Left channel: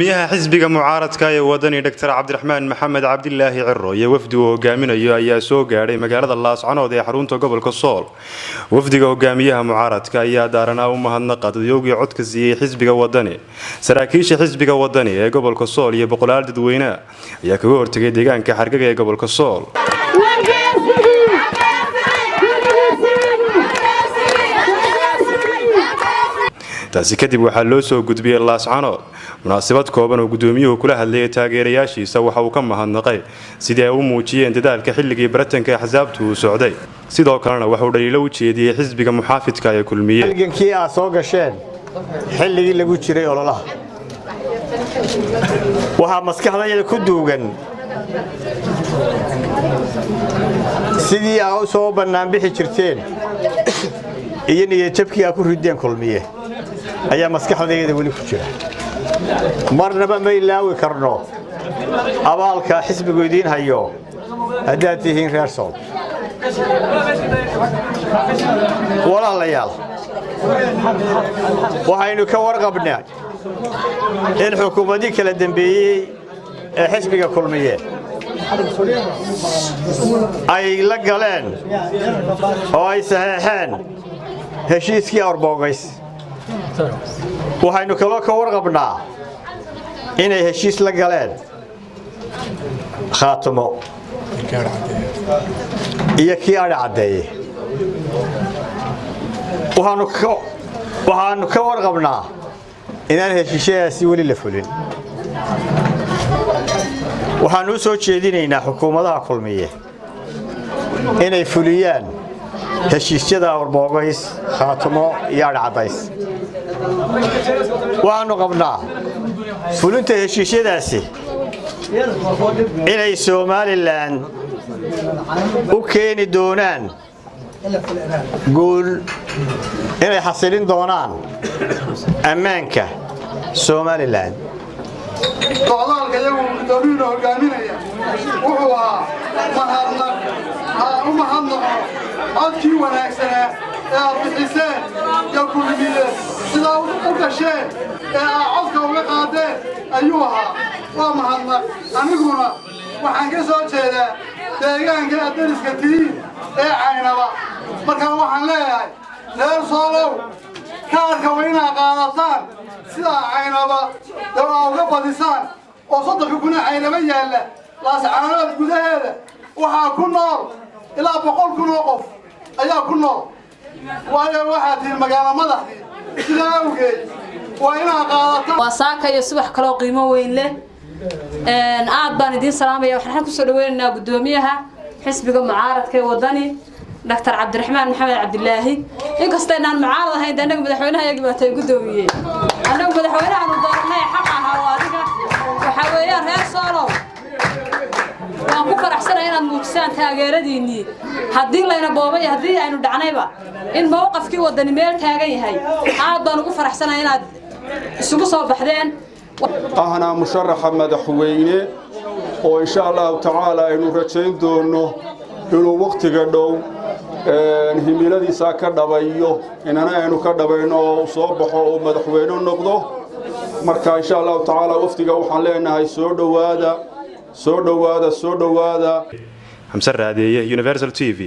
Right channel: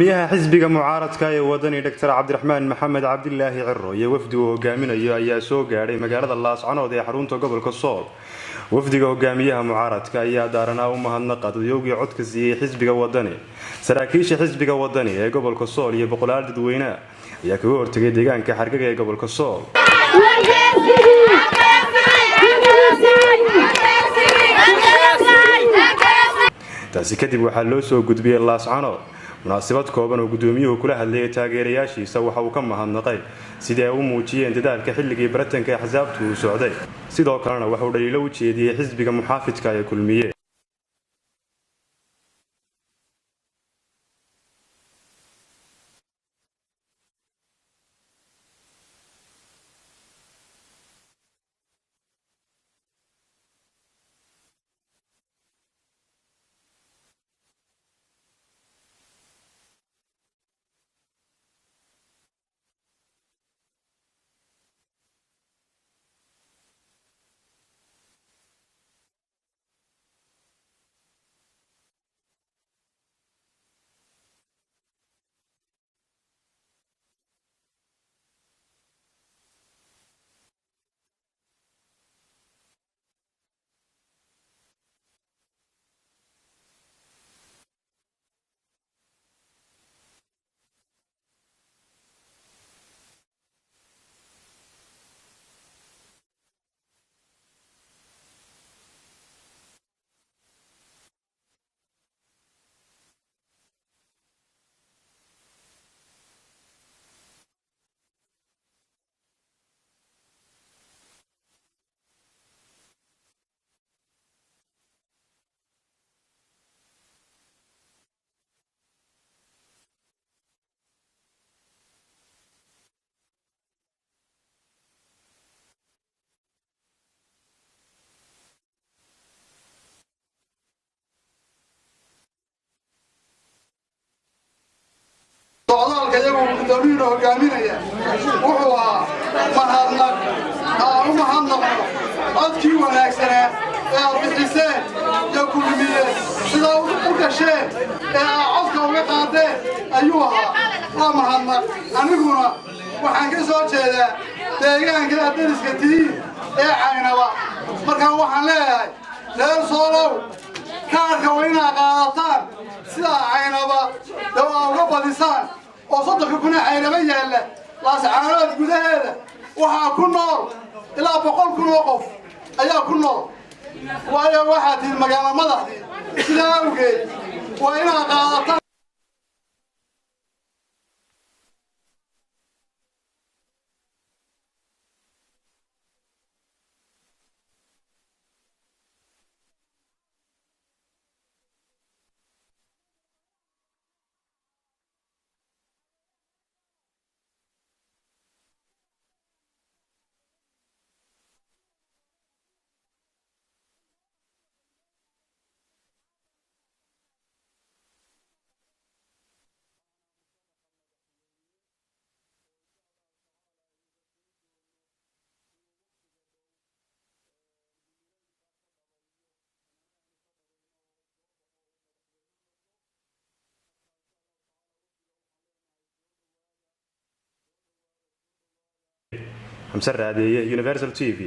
miyaha xisbiga mucaaradka ee wadani Dr. Cabdiraxmaan Maxamed Cabdilaahi Cirro iyo wafdi uu hogaaminayo ayaa soo gaaray magaalada Laascanood ee xarunta gobolka Sool. Wafdiga hogaamiyaha mucaaradka ayaa daaranaa u mahadnaqay dadyoogii codka siiyay xisbiga wadani. Saraakiisha xisbiga wadani ee gobolka Sool iyo boqolaal dadweyne ayaa kaga hortagay deegaanka xargaga ee gobolka Sool. taasi kadib waxaa loo soo gudbiyay Laascanood munaasabad kooban oo gudoomiyuhu kula hadlayay taageerayaashiisa waxa uu ka mahadnaqay sidii ay u muujiyeen dadaalka xilligii baratanka ee xisabtu uu socday sidoo kalena waxa uu dhaliilo u jeediyay xisbiga muxaafidka ee kulmiye halgankii ay soo gasheen xilligii lagu jiray ololaha waxa maskaxdayda ku duugan sidii ay u soo banaan bixi jirteen iyo niyadjabkii ay ku rideen kulmiye ayaa maskaxdayda wali ku jira marnaba ma ilaawi karno abaalka xisbigu idin hayo haddaad tihiin reer Sool walaalayaal waxaynu ka warqabnaa in xukuumadii kala dambeeyay ee xisbiga kulmiye ay la galeen oo ay saxeexeen heshiiskii Arboogays waxaynu kaloo ka warqabnaa inay heshiis la galeen khaatimo iyo kii ari cadeeyay waxaanu ka warqabnaa inaan heshiisyaasi weli la fulin waxaanu u soo jeedinaynaa xukuumadaha kulmiye inay fuliyaan heshiisyada Arboogays khaatimo iyo ari cadays waxaanu qabnaa fulinta heshiisyadaasi inay Somaliland u keeni doonaan guul inay xasilin doonaan ammaanka Somaliland socdaalka iyagu gudoomiyuhu hogaaminaya wuxuu ahaa mahadnaqo codkii wanaagsanaa ee aad bixiseen iyo kulmiyeen sidaa u gasheen ee aad codka uga qaadeen ayuu ahaa waa mahadnaq aniguna waxaan ka soo jeedaa deegaanka aad dariska tihiin ee Caynaba markaa waxaan leeyahay reer Soolow kaarka waa inaad qaadataan sidaa Caynaba dawaa uga badisaan oo 3 kun Caynaba yaalla Laascanood gudaheeda waxaa ku nool ilaa 100 kun oo qof ayaa ku nool waayo waxaa tiin magaalo madaxdii sidaa awgeed waa inaad qaadataan wasaaka iyo subax kale oo qiimo weyn leh aad baan idin salaamaya waxaan ku soo dhaweynaynaa gudoomiyaha xisbiga mucaaradka ee wadani Dr. Cabdiraxmaan Maxamed Cabdilaahi inkasta inaan mucaarad ahayn anaga madaxweynaha iyaga baatay gudoomiyay anaga madaxweynaha aanu dooranay xaq ah oo adiga waxa weeyaan reer Soolow waan ku faraxsanahay inaad muujisaan taageeradiinii haddii layna boobay haddii aynu dhacnayba in mowqafkii wadani meel taagan yahay aad baan ugu faraxsanahay inaad isugu soo baxdeen ahna musharaxa madaxweyne oo insha Allah ta'ala aynu rajayn doono inuu waqtiga dhow himiladiisa ka dhabayo inana aynu ka dhabayno oo soo baxo oo madaxweyne noqdo marka insha Allah ta'ala waqtiga waxaan leenahay soo dhawaada Hamsa Raadiye Universal TV